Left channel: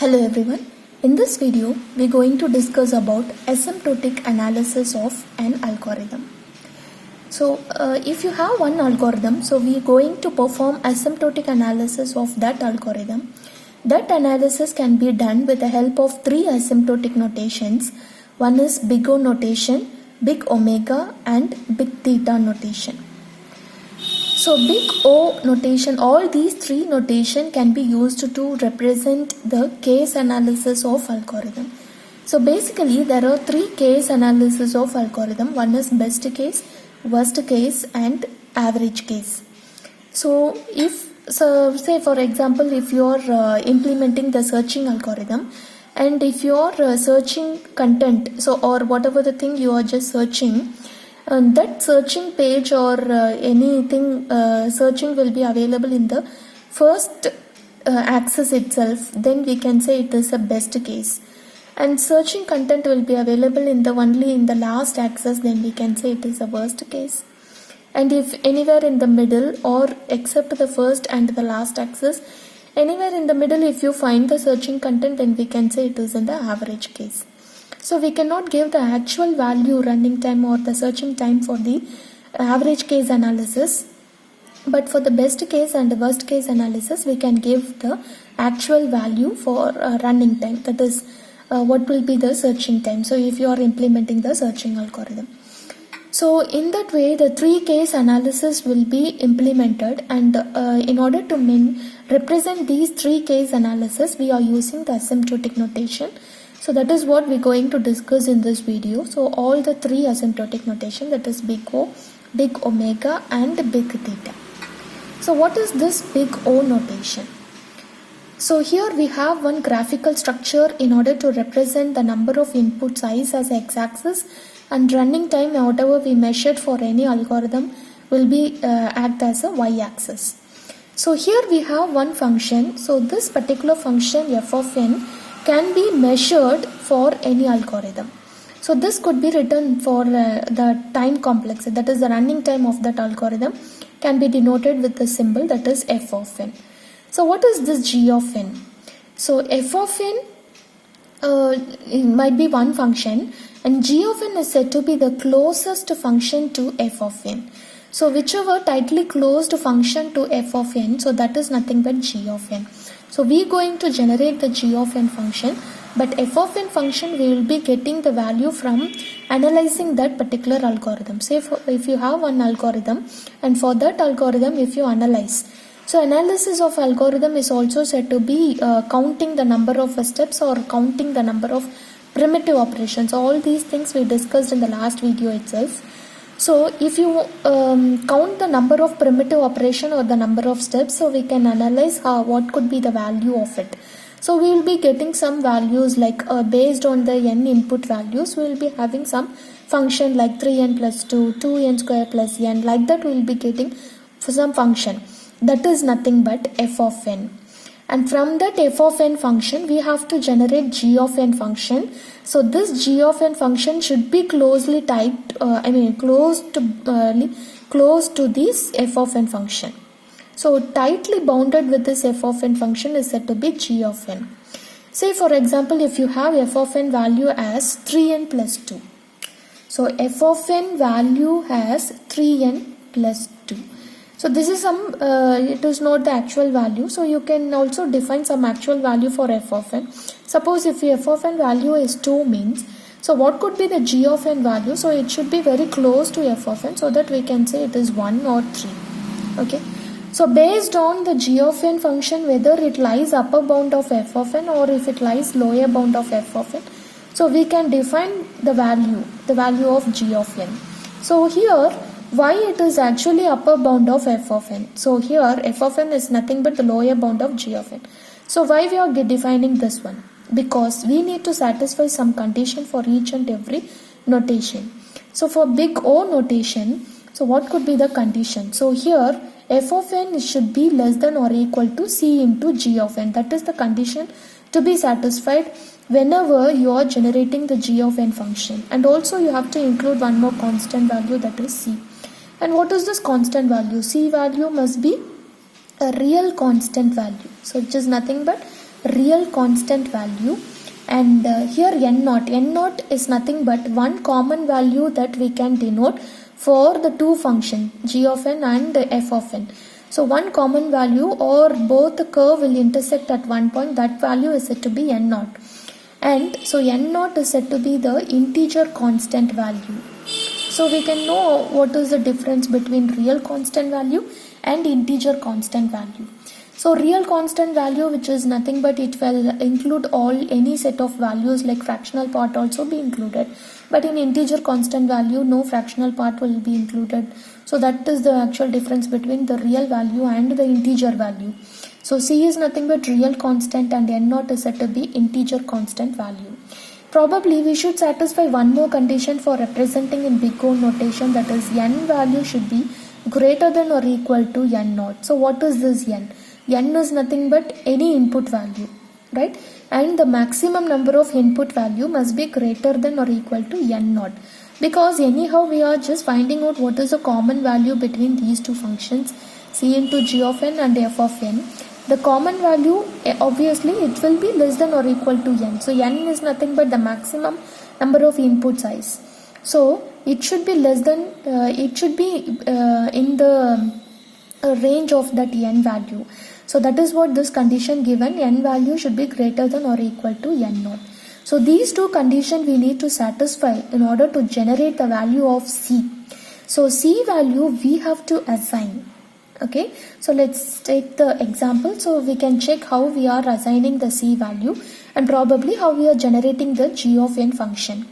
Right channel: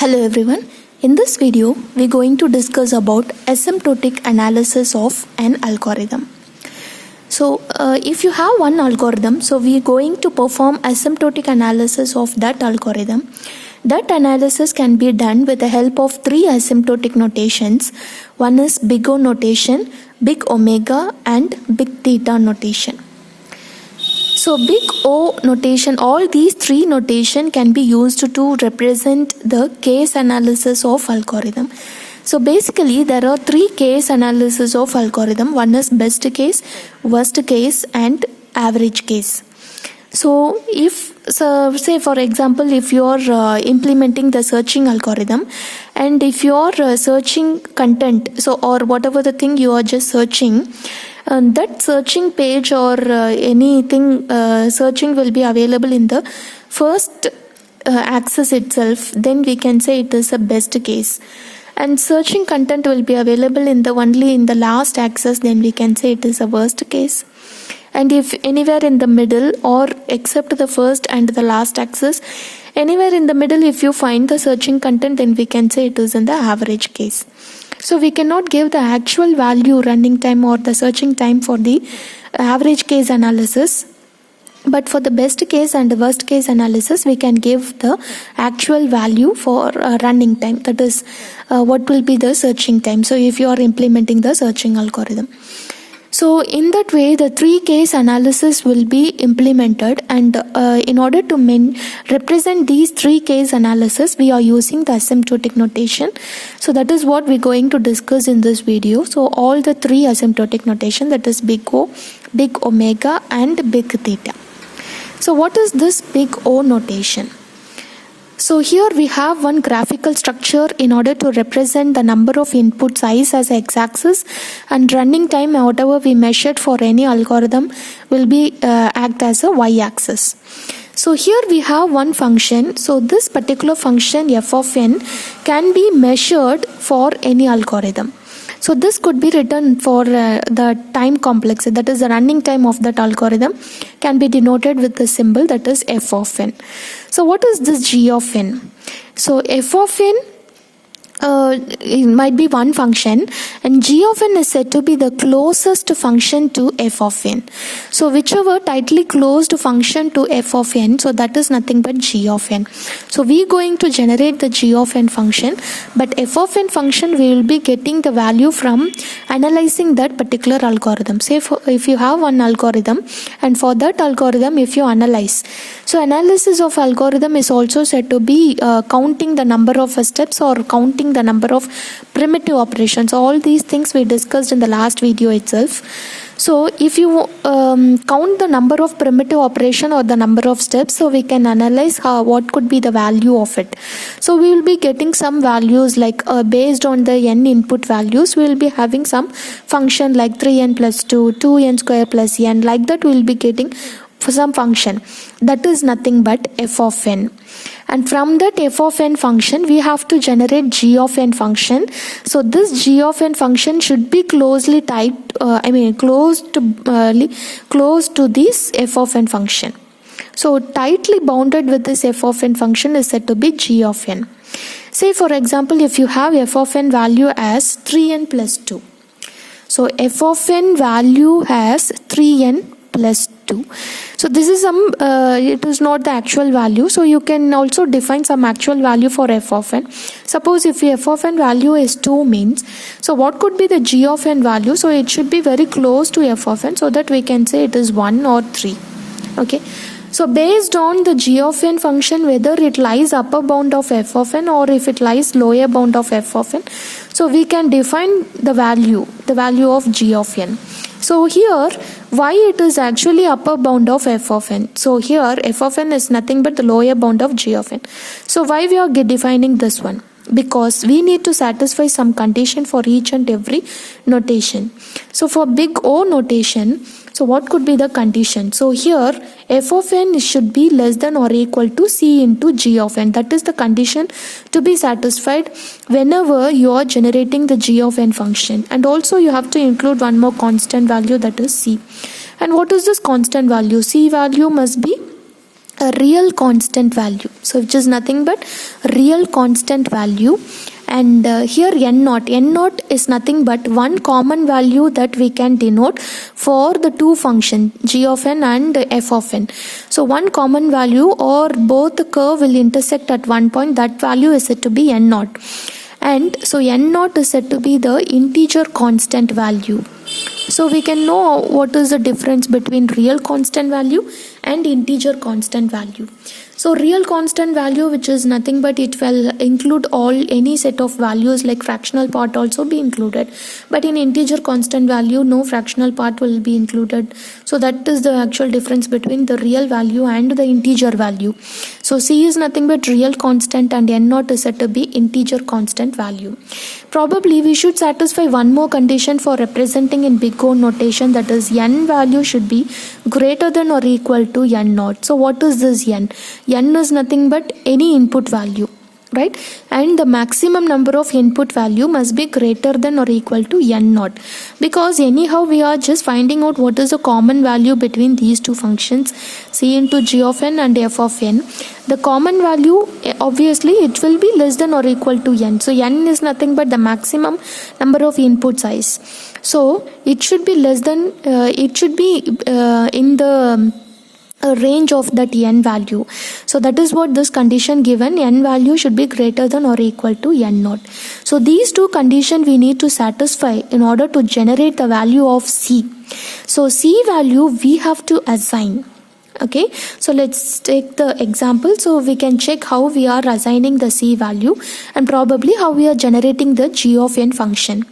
Hello everyone. In this video, we're going to discuss about asymptotic analysis of an algorithm. So, if you have one algorithm, so we're going to perform asymptotic analysis of that algorithm. That analysis can be done with the help of three asymptotic notations. One is big O notation, big omega, and big theta notation. So big O notation, all these three notation can be used to represent the case analysis of algorithm. So basically there are three case analysis of algorithm. One is best case, worst case, and average case. So say for example, if you are implementing the searching algorithm, and if you are searching content, so or whatever the thing you are just searching, that searching page or anything searching will be available in the first axis itself, then we can say it is a best case. And searching content will be available in the only in the last axis, then we can say it is a worst case. And if anywhere in the middle or except the first and the last axis, anywhere in the middle if you find the searching content, then we can say it is in the average case. So we cannot give the actual value running time or the searching time for the average case analysis. But for the best case and the worst case analysis, we can give the actual value for running time. That is what will be the searching time. So if you are implementing the searching algorithm. So in that way, the three case analysis will be implemented, and in order to represent these three case analysis, we are using the asymptotic notation. So that is what we're going to discuss in this video. So all the three asymptotic notation, that is big O, big omega, and big theta. So what is this big O notation? So here we have one graphical structure in order to represent the number of inputs i's as x-axis, and running time whatever we measured for any algorithm will be act as a y-axis. So here we have one function. So this particular function f of n can be measured for any algorithm. So this could be written for the time complex, that is the running time of that algorithm, can be denoted with the symbol that is f of n. So what is this g of n? So f of n it might be one function, and g of n is said to be the closest function to f of n. So whichever tightly closed function to f of n, so that is nothing but g of n. So we are going to generate the g of n function, but f of n function we will be getting the value from analyzing that particular algorithm. Say if you have one algorithm, and for that algorithm if you analyze, so analysis of algorithm is also said to be counting the number of steps or counting the number of primitive operations. All these things we discussed in the last video itself. So if you count the number of primitive operation or the number of steps, so we can analyze what could be the value of it. So we will be getting some values like based on the n input values, we will be having some function like 3n plus 2, 2n square plus n, like that we will be getting for some function that is nothing but f of n. And from that f of n function we have to generate g of n function. So this g of n function should be closely typed, close to this f of n function. So tightly bounded with this f of n function is said to be g of n. Say for example, if you have f of n value as 3n plus 2. So f of n value has 3n plus 2. So this is it is not the actual value. So you can also define some actual value for f of n. Suppose if f of n value is 2 means, so what could be the g of n value? So it should be very close to f of n, so that we can say it is 1 or 3. Okay. So based on the g of n function, whether it lies upper bound of f of n or if it lies lower bound of f of n, so we can define the value of g of n. So here, why it is actually upper bound of f of n? So here f of n is nothing but the lower bound of g of n. So why we are defining this one? Because we need to satisfy some condition for each and every notation. So for big O notation, so what could be the condition? So here f of n should be less than or equal to c into g of n. That is the condition to be satisfied whenever you are generating the g of n function. And also you have to include one more constant value, that is c. And what is this constant value? C value must be a real constant value, so which is nothing but real constant value. And here n naught is nothing but one common value that we can denote for the two functions g of n and f of n. So one common value, or both the curve will intersect at one point, that value is said to be n naught. And so n naught is said to be the integer constant value. So we can know what is the difference between real constant value and integer constant value. So real constant value, which is nothing but it will include any set of values, like fractional part also be included, but in integer constant value no fractional part will be included. So that is the actual difference between the real value and the integer value. So c is nothing but real constant and n naught is said to be integer constant value. Probably we should satisfy one more condition for representing in big O notation, that is n value should be greater than or equal to n naught. So what is this n? N is nothing but any input value, right? And the maximum number of input value must be greater than or equal to n naught, because anyhow we are just finding out what is the common value between these two functions, c into g of n and f of n. The common value, obviously it will be less than or equal to n. So n is nothing but the maximum number of input size. So it should be less than, it should be in the range of that n value. So that is what this condition given, n value should be greater than or equal to n naught. So these two conditions we need to satisfy in order to generate the value of c. So c value we have to assign. Okay, so let's take the example, so we can check how we are assigning the c value and probably how we are generating the g of n function.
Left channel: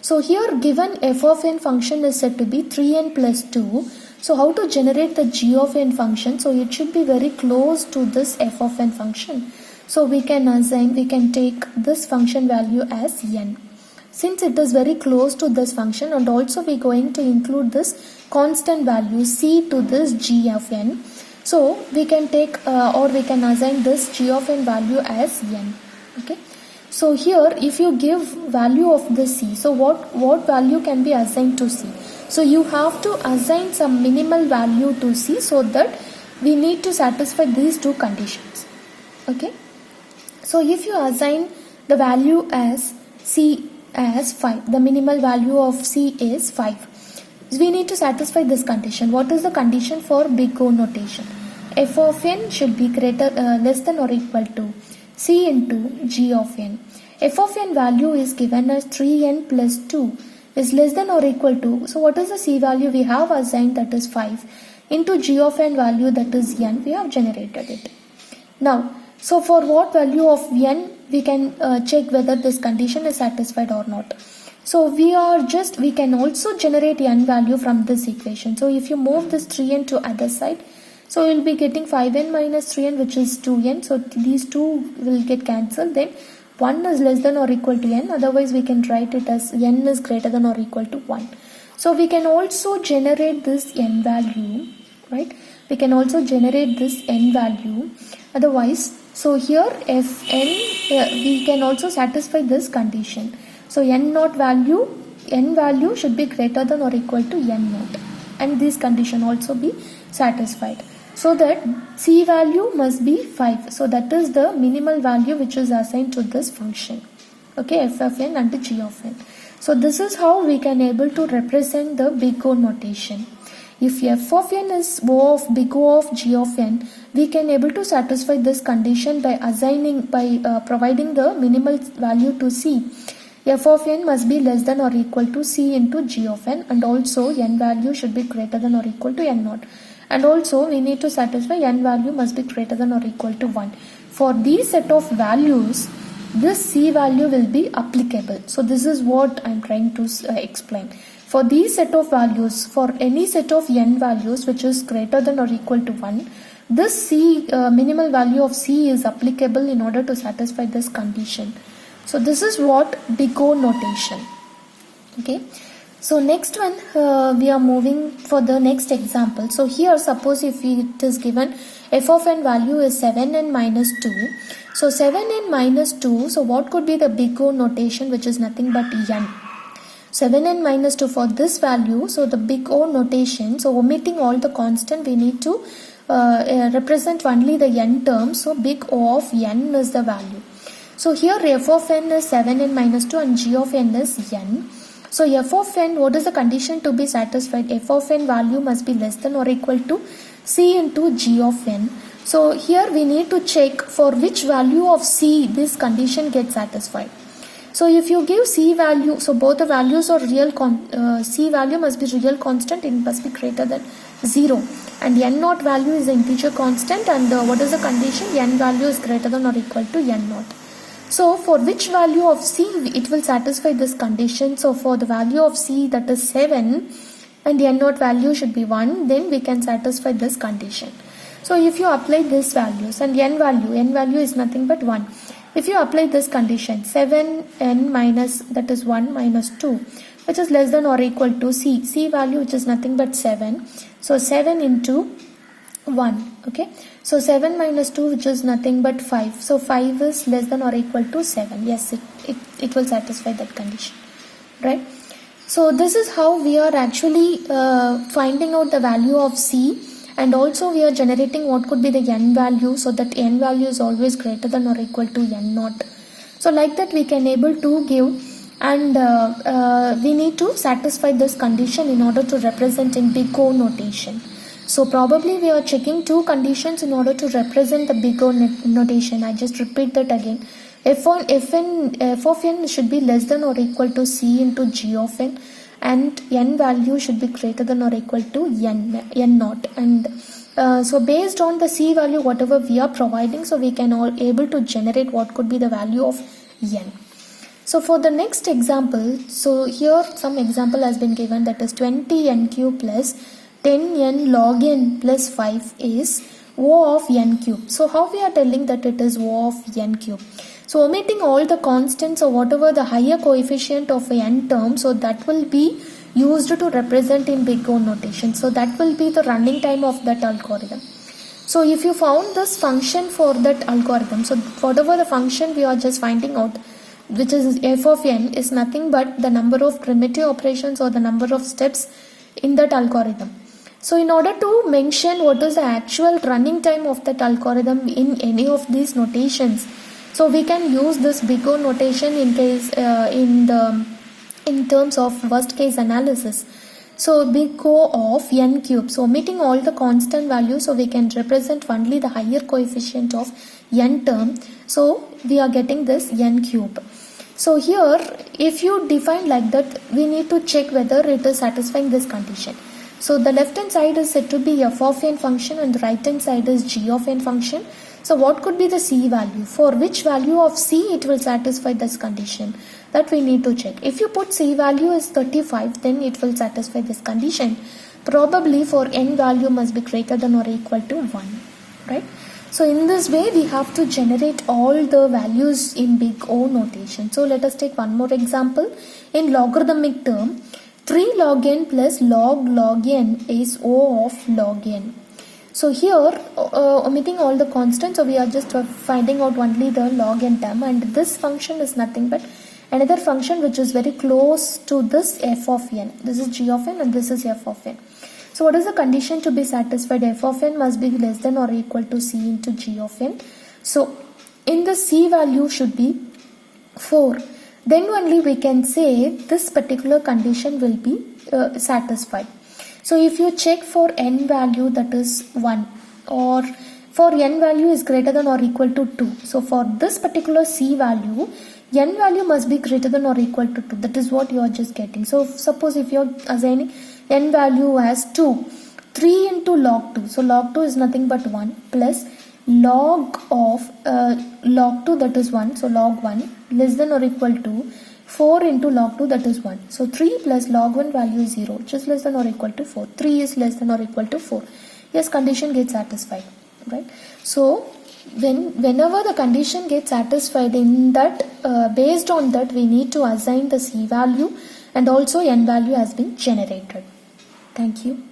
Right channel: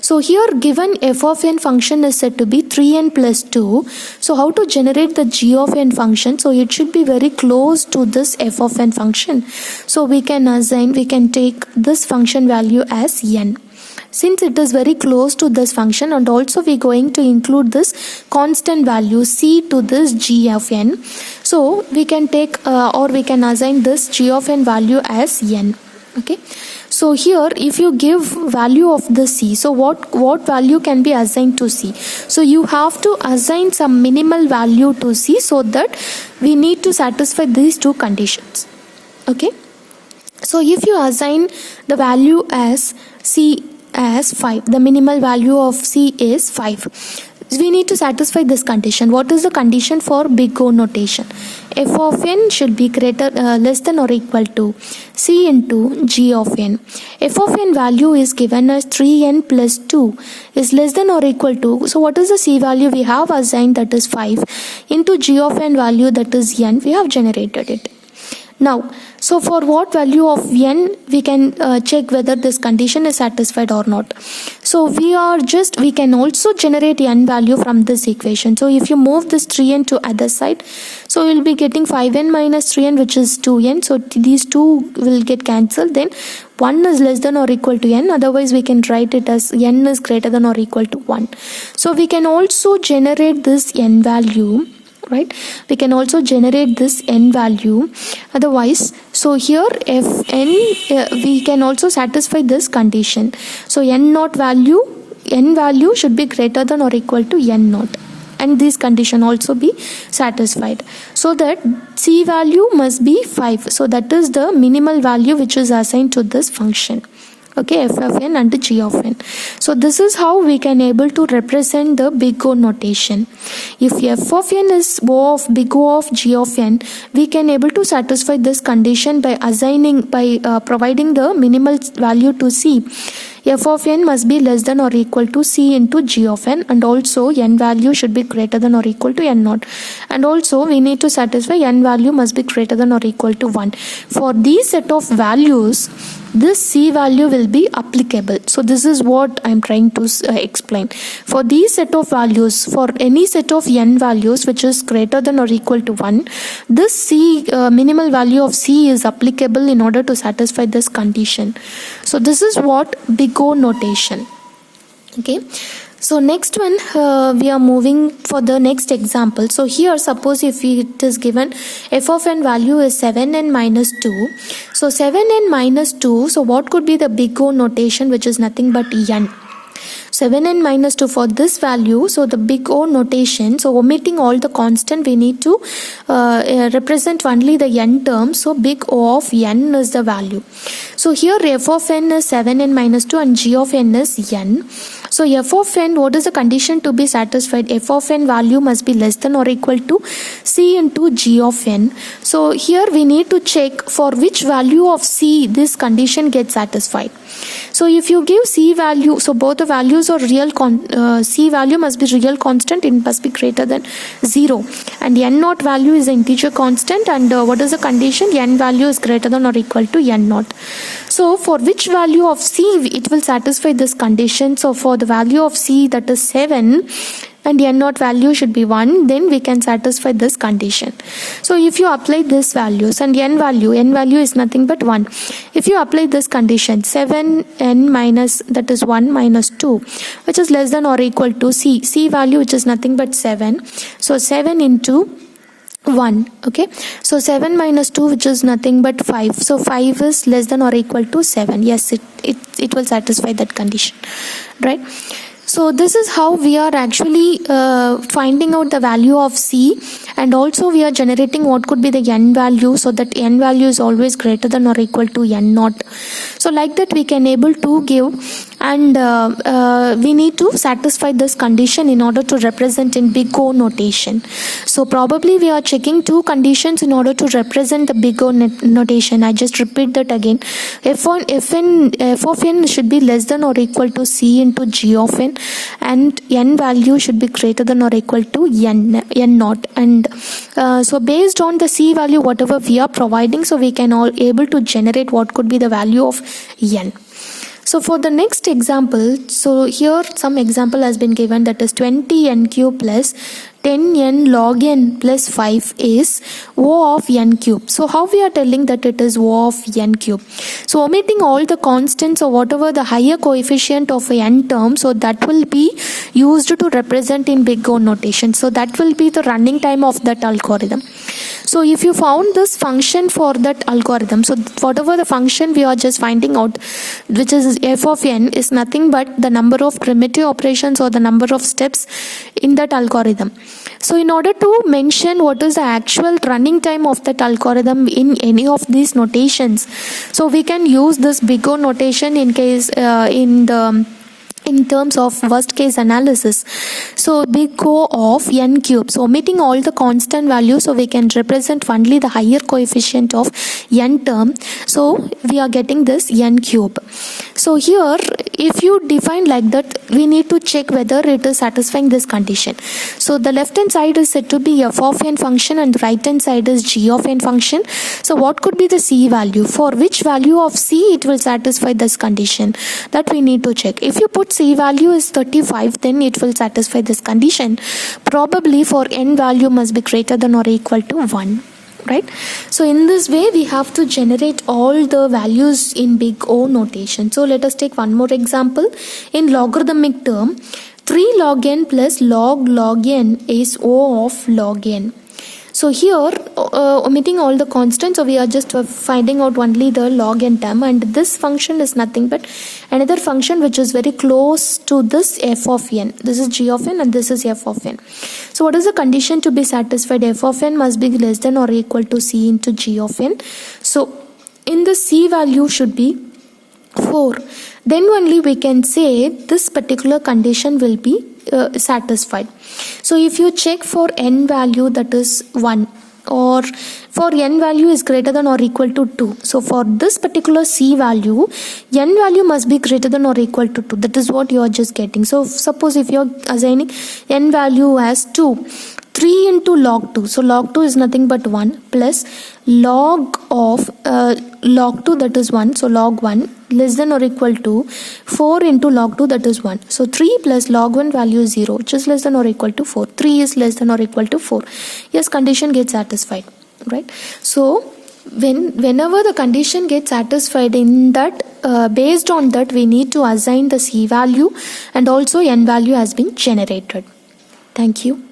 So here given f of n function is said to be 3n plus 2. So how to generate the g of n function? So it should be very close to this f of n function. So we can assign, we can take this function value as n. Since it is very close to this function, and also we are going to include this constant value c to this g of n. So we can take or we can assign this g of n value as n. Okay. So here if you give value of the c, so what value can be assigned to c? So you have to assign some minimal value to c, so that we need to satisfy these two conditions. Okay. So if you assign the value as c as 5, the minimal value of c is 5. We need to satisfy this condition. What is the condition for big O notation? F of n should be greater less than or equal to c into g of n. F of n value is given as 3n plus 2 is less than or equal to, so what is the c value we have assigned, that is 5, into g of n value, that is n, we have generated it. Now, so for what value of n we can check whether this condition is satisfied or not. So we can also generate n value from this equation. So if you move this 3n to other side, so we will be getting 5n minus 3n, which is 2n. So these two will get cancelled. Then 1 is less than or equal to n. Otherwise we can write it as n is greater than or equal to 1. So we can also generate this n value. Right, we can also generate this n value. Otherwise, so here if n we can also satisfy this condition. So n value should be greater than or equal to n naught, and this condition also be satisfied, so that c value must be 5. So that is the minimal value which is assigned to this function. Okay, f of n and g of n. So this is how we can able to represent the big O notation. If f of n is O of big O of g of n, we can able to satisfy this condition by providing the minimal value to c. F of n must be less than or equal to c into g of n, and also n value should be greater than or equal to n naught, and also we need to satisfy n value must be greater than or equal to 1. For these set of values, this c value will be applicable. So this is what I am trying to explain. For these set of values, for any set of n values which is greater than or equal to 1, this c minimal value of c is applicable in order to satisfy this condition. So this is what big O notation. Okay. So next one, we are moving for the next example. So here suppose if it is given f of n value is 7n minus 2. So 7n minus 2, so what could be the big O notation, which is nothing but n. 7n minus 2 for this value, so the big O notation, so omitting all the constant, we need to represent only the n term, so big O of n is the value. So here f of n is 7n minus 2 and g of n is n. So f of n, what is the condition to be satisfied? F of n value must be less than or equal to c into g of n. So here we need to check for which value of c this condition gets satisfied. So if you give c value, so both the values are real, c value must be real constant, it must be greater than 0, and n naught value is an integer constant, and what is the condition? N value is greater than or equal to n naught. So for which value of c it will satisfy this condition? So for the value of c, that is 7, and n naught value should be 1, then we can satisfy this condition. So if you apply this values, and n value is nothing but 1. If you apply this condition, 7n minus, that is 1 minus 2, which is less than or equal to c value, which is nothing but 7. So 7 into 1, okay, so 7 minus 2, which is nothing but 5, so 5 is less than or equal to 7. Yes, it will satisfy that condition, right? So this is how we are actually finding out the value of c, and also we are generating what could be the n value, so that n value is always greater than or equal to n naught. So like that we can able to give, and we need to satisfy this condition in order to represent in big O notation. So probably we are checking two conditions in order to represent the big O notation. I just repeat that again. F of n should be less than or equal to c into g of n, and n value should be greater than or equal to n naught. And so based on the c value whatever we are providing, so we can all able to generate what could be the value of n. So for the next example, so here some example has been given, that is 20n cube plus 10n log n plus 5 is O of n cube. So how we are telling that it is O of n cube? So omitting all the constants or whatever the higher coefficient of n term, so that will be used to represent in big O notation. So that will be the running time of that algorithm. So if you found this function for that algorithm, so whatever the function we are just finding out, which is f of n, is nothing but the number of primitive operations or the number of steps in that algorithm. So in order to mention what is the actual running time of that algorithm in any of these notations, so we can use this big O notation in case in terms of worst case analysis. So big O of n cube, so omitting all the constant values, so we can represent only the higher coefficient of n term, so we are getting this n cube. So here if you define like that, we need to check whether it is satisfying this condition. So the left hand side is said to be f of n function and the right hand side is g of n function. So what could be the c value? For which value of c it will satisfy this condition? That we need to check. If you put c value is 35, then it will satisfy this condition. Probably for n value must be greater than or equal to 1. Right? So in this way we have to generate all the values in big O notation. So let us take one more example. In logarithmic term, 3 log n plus log n is O of log n. So here omitting all the constants, so we are just finding out only the log n term, and this function is nothing but another function which is very close to this f of n. This is g of n and this is f of n. So what is the condition to be satisfied? F of n must be less than or equal to c into g of n. So in the c value should be 4. Then only we can say this particular condition will be satisfied. So if you check for n value, that is 1, or for n value is greater than or equal to 2. So for this particular c value, n value must be greater than or equal to 2. That is what you are just getting. So suppose if you are assigning n value as 2, 3 into log 2. So log 2 is nothing but 1 plus log of log 2, that is 1. So log 1 less than or equal to 4 into log 2, that is 1. So 3 plus log 1 value is 0, which is less than or equal to 4. 3 is less than or equal to 4. Yes, condition gets satisfied, right? So whenever the condition gets satisfied, in that based on that we need to assign the c value, and also n value has been generated. Thank you.